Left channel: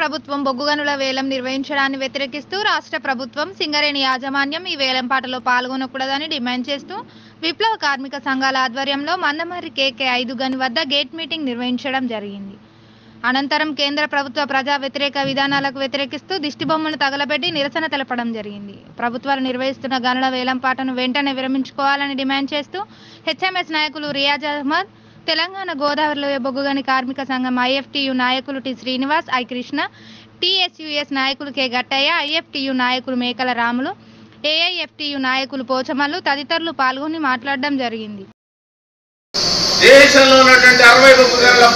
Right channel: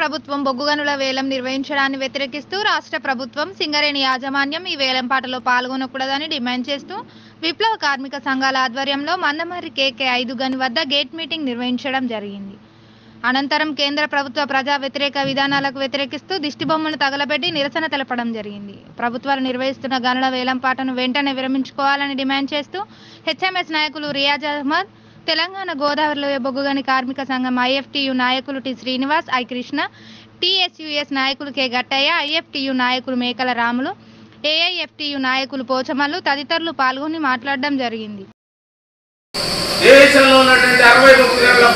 ప్రభుత్వం బొగ్గు గనుల వేలం నిర్వహించడాన్ని వ్యతిరేకిస్తూ రాష్ట్ర ప్రభుత్వం సింగరేణి యాజమాన్యం ఈ వేలంపాటలో పాల్గొనకూడదని డిమాండ్ చేస్తూ విప్లవ కార్మిక సంఘాల ఆధ్వర్యంలో మందమర్రి కేకే 5 గని వద్ద గేట్ మీటింగ్ నిర్వహించడం జరిగింది. అనంతరం కేంద్ర ప్రభుత్వ ప్రజా వ్యతిరేక విధానాలకు వ్యతిరేకిస్తూ దిష్టిబొమ్మను తగలబెట్టి నిరసన తెలపడం జరిగింది. ప్రభుత్వాలు నిర్వహిస్తున్న గనుల వేలంపాటను వెంటనే విరమించుకోవాలని డిమాండ్ చేస్తూ హెచ్ఎంఎస్ నాయకులు రియాజ్ అహ్మద్, తెలంగాణ గోదావరిలోయ బొగ్గుగని కార్మిక సంఘం ఐఎఫ్టియు నాయకులు టి శ్రీనివాస్, ఐ కృష్ణ, టిఎస్యుఎస్ నాయకులు కె గట్టయ్య, ఐఎఫ్టియు నాయకులు మేకల రాములు, ఏఐఎఫ్టియు నాయకులు పోచమల్లు తదితరులు పాల్గొని మాట్లాడడం జరిగింది. దేశంలో ఉన్నటువంటి 60 బొగ్గు గనుల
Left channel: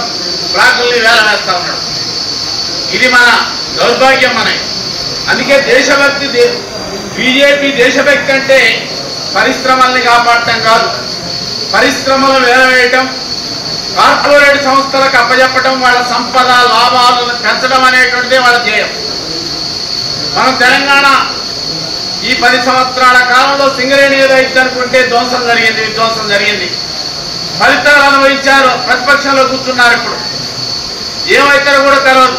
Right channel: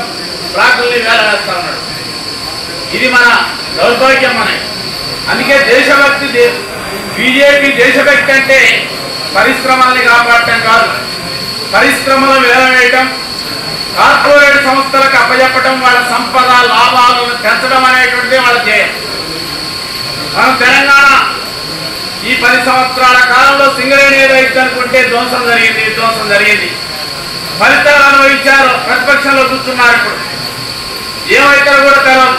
బ్లాకుల్ని వేల వేస్తా ఉన్నాడు. ఇది మన దౌర్భాగ్యం. అందుకే దేశభక్తి, బీజేపీ దేశభక్తి అంటే పరిశ్రమల్ని కాపాడటం కాదు, పరిశ్రమలు వేలవేయటం, కార్పొరేట్ సంస్థలకు అప్పచెప్పటం, వాళ్ళ సంపద లాభాలను పెంచడం అనేటువంటిదే వాళ్ళ ధ్యేయం. మనం తెలంగాణ ఈ 10 సంవత్సరాల కాలంలో సింగరేణి ఏదైతే అనుకుంటే విధ్వంసం జరిగింది. ఫలితాలు అనుభవించారు. ప్రతిపక్షంలో కూర్చున్నారు. ఇప్పుడు ఏమైతారో కూడా తెలియదు.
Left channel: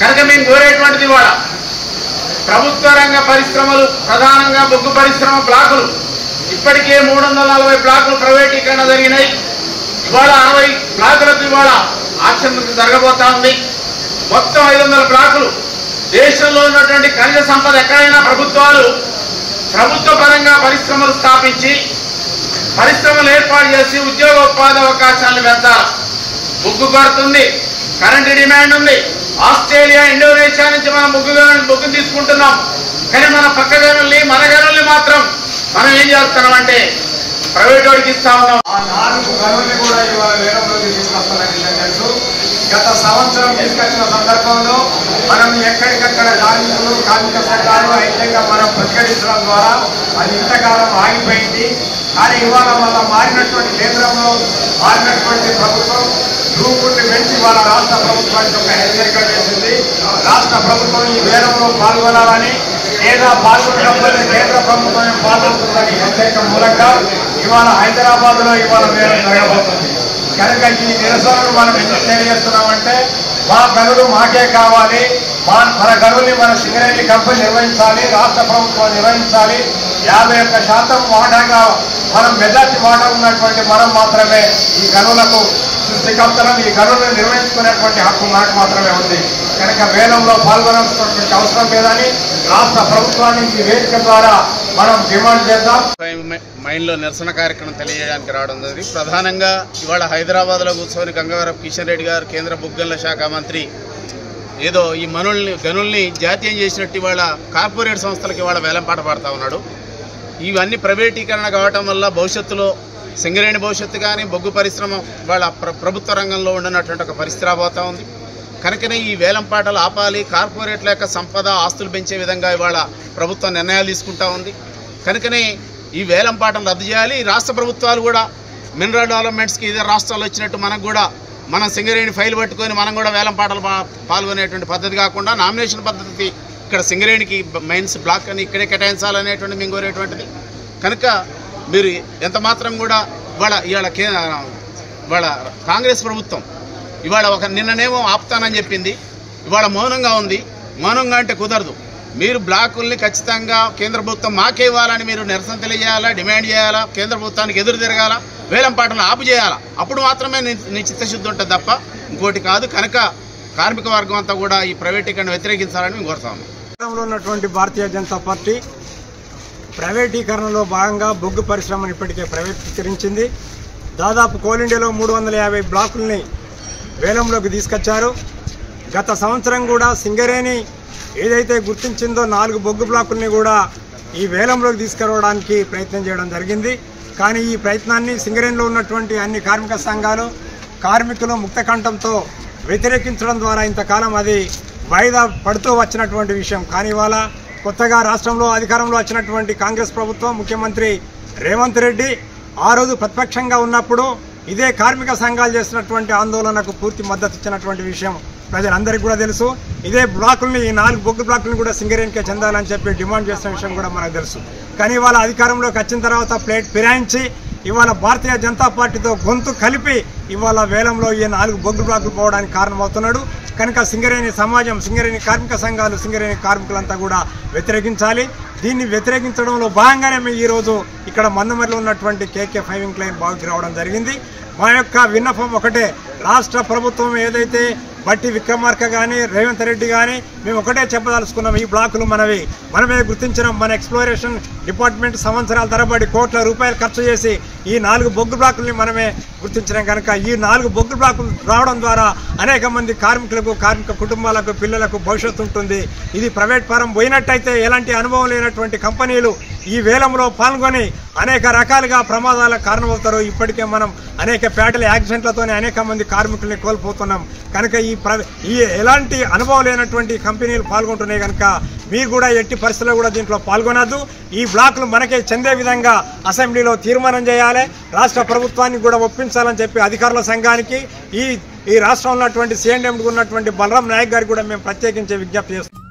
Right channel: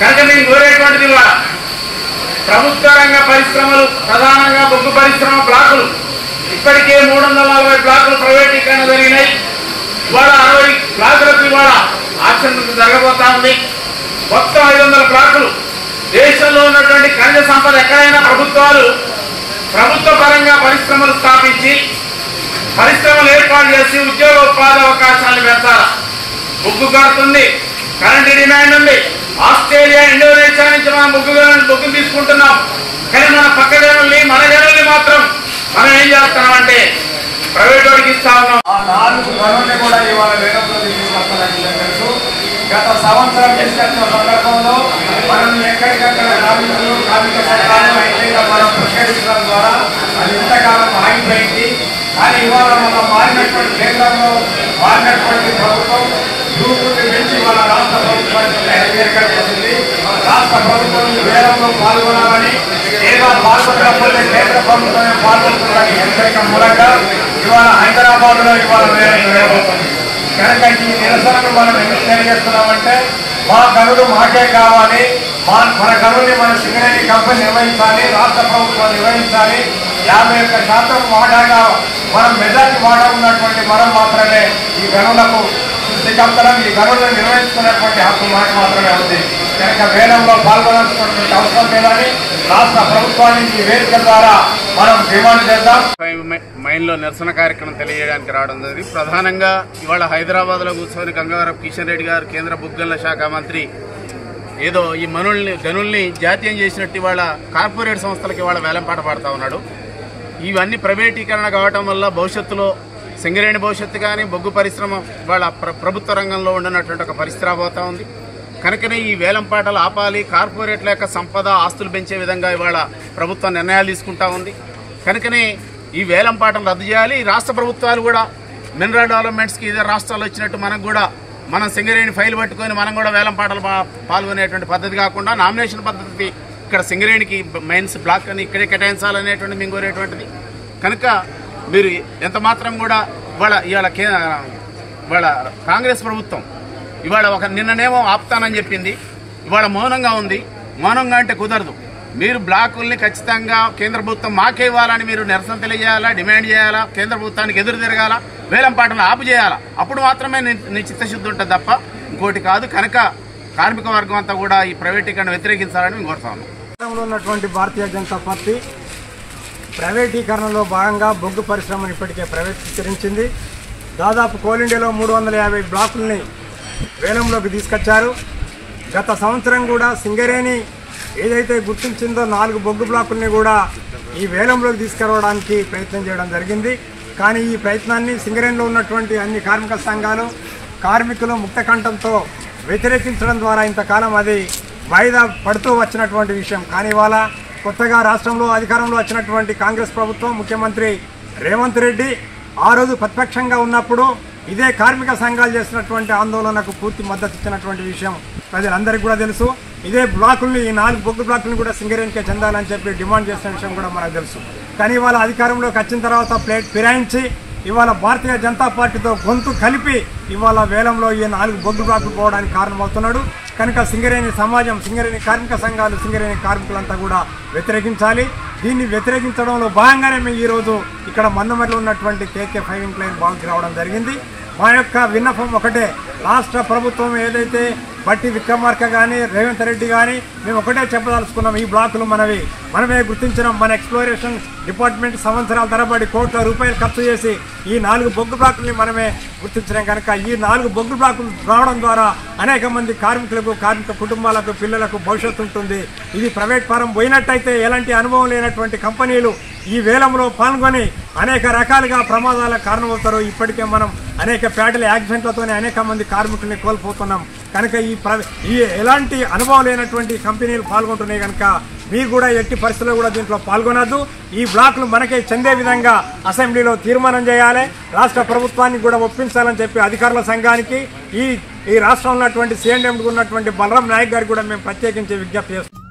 కనుక మేము కోరేటువంటిది వాళ్ళ ప్రభుత్వ రంగ పరిశ్రమలు, ప్రధానంగా బొగ్గు పరిశ్రమ బ్లాకులు ఇప్పటికే 340 బ్లాకులు ప్రైవేటీకరణ జరిగినాయి. ఇవాళ 60 బ్లాకులకు ఇవాళ ఆక్షన్ జరగబోతా ఉంది. మొత్తం 500 బ్లాకులు. దేశంలో ఉన్నటువంటి ఖనిజ సంపద ఎక్కడైనా ప్రభుత్వాలు ప్రభుత్వ పరంగా పరిశ్రమలు స్థాపించి పరిశ్రమలు ఏర్పాటు చేసి ఉద్యోగ ఉపాధి అవకాశాలను పెంచాలి. బొగ్గు కొడుతుంది, కరెంటు డిమాండ్ ఉంది. ఆస్ట్రేలియా, ఇండోనేషియా నుంచి మనం బొగ్గుని తీసుకుంటున్నాం. కానీ మన పక్క గనుల్ని, మన గనుల్ని మాత్రం మనం ఏం చేస్తున్నామంటే ప్రైవేట్ వాడికి ఇస్తా ఉన్నాం. ఆ 4 గనుల్ని కూడా ఇవాళ వేలంలోకి తీసుకొస్తున్న విషయం తెలుసు. గత సంవత్సరం తీసుకొచ్చిన సందర్భంలో మనం ఎక్కడికక్కడ కార్మిక సంఘాలు ఎట్లయితే మనం ప్రకటించడం ద్వారా అది ఇంతకాలం ఆగిపోయింది. కానీ ఇవాళ మనం మారినటువంటి కేంద్రంలో మారినటువంటి ప్రభుత్వం రూపుని పెంచి ఇవాళ రాష్ట్ర ప్రభుత్వానికి ఒక హెచ్చరిక చేసింది. రాష్ట్ర ప్రభుత్వం ఈ వేలంలో పాల్గొనాలని, లేదా పాల్గొనకపోతే కేంద్ర ప్రభుత్వం పాల్గొంటుందని హెచ్చరిక మూలంగా ఇవాళ హైదరాబాద్లో ఇవాళ వేలం జరగబోతుంది. కనుక ఈ నిరసనను మనం ఎందుకు తెలియజేస్తున్నామంటే మా గనులు మాకే కావాలి, మన గనుల్ని మన సింగరేణి కంపెనీ నిర్వహించాలి, రాష్ట్ర ప్రభుత్వం నిర్వహించాలి. 51% వాటాగా మనం మెజార్టీ వాటా ఉన్నటువంటి మనం మాత్రమే ఈ గనులకు సృష్టికర్తలం, ఈ గనులను నిర్వహించుకునేటువంటి హక్కు మనకు మాత్రమే ఉంది. కనుక వేలంలో పాల్గొనాల్సినటువంటి అవసరం లేదని రాష్ట్ర ప్రభుత్వానికి ఈ వేదిక ద్వారా మనం డిమాండ్ చేద్దాం. మైన్లో నిరసన కార్యక్రమం తెలియజేయడానికి రావడం జరిగింది. ప్రధానంగా ఇవాళ హైదరాబాద్లో కూర్చొని గంగవరపు కిషన్ రెడ్డి గారు, కేంద్ర బొగ్గుగనుల శాఖ మంత్రి, ఏదో ఈ గనుల్ని జాతీయం చేసినట్టు ఇవాళ కార్పొరేట్ సంస్థలకు ఇవాళ వేలంపాట పడతా ఉన్నాడు. ఇవన్నీ ప్రైవేటీకరణ కావటం వల్ల భవిష్యత్తులో సింగరేణి భవిష్యత్తు కానీ బొగ్గు పరిశ్రమ ఇవాళ ప్రభుత్వ రంగంలో ఉండనటువంటి ఒక పరిస్థితి రాబోతూ ఉంది. కనుకనే ఈ వేలంపాటలు ఆపాలి, కార్పొరేట్ల యొక్క సంపద ఆస్తులు పెంచే విధంగా ఇవాళ ప్రభుత్వం నిర్ణయాలు తీసుకుంటా ఉంది. కనుకనే ఈ వేలంపాటను రద్దు చేయాలి. రాష్ట్ర ప్రభుత్వాలు కూడా మినరల్ డెవలప్మెంట్స్కి ఇతర రాష్ట్రాలు వచ్చినట్టు మనకు కూడా మనం సింగరేణి ఫైల్ పట్టుకొని మనం కూడా వేలంపాటలు పాల్గొనేటువంటి పద్ధతి కాకుండా నామినేషన్ పద్ధతి ఇక్కడ సింగరేణికి మైన్స్ బ్లాక్ అని ఇక్కడే కేటాయించాలనేటువంటి మేము కోరేటువంటిది. కనుక మీరు ఎంత మాత్రం కూడా ఇవాళ కాంగ్రెస్ ప్రభుత్వం ఇవాళ నిన్ననేమో ఆపుతానని చెప్పింది, ఇవాళ మౌనంగా ఉంది. మౌనంగా అంటే కుదరదు. మీరు బ్లాకుల్ని ఖచ్చితంగా కేంద్ర ప్రభుత్వం మాకే ఇవ్వాలని మీరు నిరసన తెలియజేయాలా, డిమాండ్ చేయాలా, కేంద్ర ప్రభుత్వానికి ఎదురు తిరగాల, వేలంపాటను ఆపు చేయాలా. అప్పుడు మాత్రమే నీ చిత్తశుద్ధి ఉంటుంది తప్ప ఇంకోటి కాదు. కనుక కార్మిక వర్గం అంతా కూడా ఈ ప్రైవేటీకరణ వ్యతిరేకించాలని మేము కోరుతా ఉన్నాం. ఉన్నటువంటి భారతీయ జనతా పార్టీ ప్రైవేటీకరణలో భాగంగా బొగ్గు పరిశ్రమను ఇప్పటికే ప్రైవేటీకరించింది. దాదాపు కోల్ ఇండియాలో 350 బ్లాకుల్ని వేలంలోకి తీసుకొచ్చారు. గత సంవత్సరం కూడా సింగరేణి ఏదైతే గుర్తించిందో 4 బొగ్గు బ్లాకుల్ని కూడా ఈ వేలంలోకి తీసుకురావడానికి ప్రయత్నం చేయడం జరిగింది. కానీ ఈ ప్రయత్నాన్ని సింగరేణిలో ఉన్నటువంటి అన్ని కార్మిక సంఘాలు, కార్మికులు ముక్తకంఠంతో వ్యతిరేకించడం ద్వారా ఇంతకాలం అది వాయిదా పడుతూ వచ్చినటువంటి విషయం. కానీ ఇవాళ కొత్తగా రాష్ట్రంలో అధికారంలో వచ్చినటువంటి కాంగ్రెస్ ప్రభుత్వం, ముఖ్యమంత్రి రేవంత్ రెడ్డి ఆ రోజు ప్రతిపక్షంగా ఉన్నప్పుడు ఇదే కార్మిక సంఘాలు చేసినటువంటి ఆందోళనకు పూర్తి మద్దతు ఇచ్చినటువంటి విషయం ప్రజలందరికీ కూడా తెలుసు. ఇదే బ్లాకుల్ని, ఈ 4 బొగ్గు బ్లాకులను కూడా సింగరేణికే చెందాలని చెప్పి డిమాండ్ చేసిన విషయం కూడా మనకు తెలుసు. కానీ ఇవాళ అధికారంలోకి వచ్చిన తర్వాత ప్లేట్ ఫిరాయించి ఇవాళ భారతీయ జనతా పార్టీతో గొంతు కలిపి ఇవాళ వేలంలో ఈ 4 బొగ్గు బ్లాకులు పోవడానికి కారణమవుతున్నాడు. కనుక సింగరేణి సమాజం, సింగరేణి కార్మిక సంఘాలు, సింగరేణి కార్మికులంతా కూడా వ్యతిరేకించాలి. దీన్ని వ్యతిరేకించడంలో భాగంగానే మేము ఈరోజు ఇక్కడ మందమరిలో ఉన్నటువంటి కేకే ఫైవింగ్ లైన్ బాగుకి రావడం జరిగింది. మా యొక్క విన్నపం ఒకటే, రాష్ట్ర ప్రభుత్వం ఏదైతే బట్టి విక్రమార్క కానీ రేవంత్ రెడ్డి కానీ మేము ఒకటే చెప్పదలుచుకున్నాం, ఈ బ్లాకులు మనమే గుర్తించినాం. మన ఎక్స్ప్లోరేషన్ డిపార్ట్మెంట్ సంవత్సరాల తరబడి కోట్ల రూపాయలు ఖర్చు చేసి ఈ 4 బొగ్గు బ్లాకుల్ని మనమే గుర్తించినాం. కనుక ఈ 4 బొగ్గు బ్లాకులు రావడం ద్వారా అనేక మంది కార్మికులకు, కార్మిక కుటుంబాలకు, పిల్లలకు భవిష్యత్తు ఉంటుంది. ఇది ప్రైవేట్ పరం పోయినట్టయితే ఎలాంటి అనుభవం లేనటువంటి కంపెనీలు ఈ వేలంలో పాల్గొని అనేక రకాలుగా ప్రమాదాలకు కారణమవుతారు. ఇప్పటికే మనం అనేక ఫ్యాటల్ యాక్సిడెంట్లతోనే అనేక మంది కార్మికుల్ని కోల్పోతున్నాం. కనుక ఈ ఎలాంటి అనుభవం లేనటువంటి కంపెనీలు పాల్గొంటున్నాయి. కనుక మీరు కూడా ఎట్టి పరిస్థితుల్లో కూడా దీంట్లో పాల్గొనద్దు. ఈ బ్లాకులు మనకే చెందే విధంగా అసెంబ్లీలో తీర్మానం చేయాలి. రాష్ట్ర ప్రభుత్వానికి కూడా ఒప్పించాలని చెప్పి అధికారుల సంఘానికి, ఈ రాష్ట్రంలో ఉన్నటువంటి సీఎండీ ఉన్నటువంటి బలరాం నాయక్ గారికి కూడా మేము ప్రత్యేకించి విజ్ఞప్తి చేస్తాం.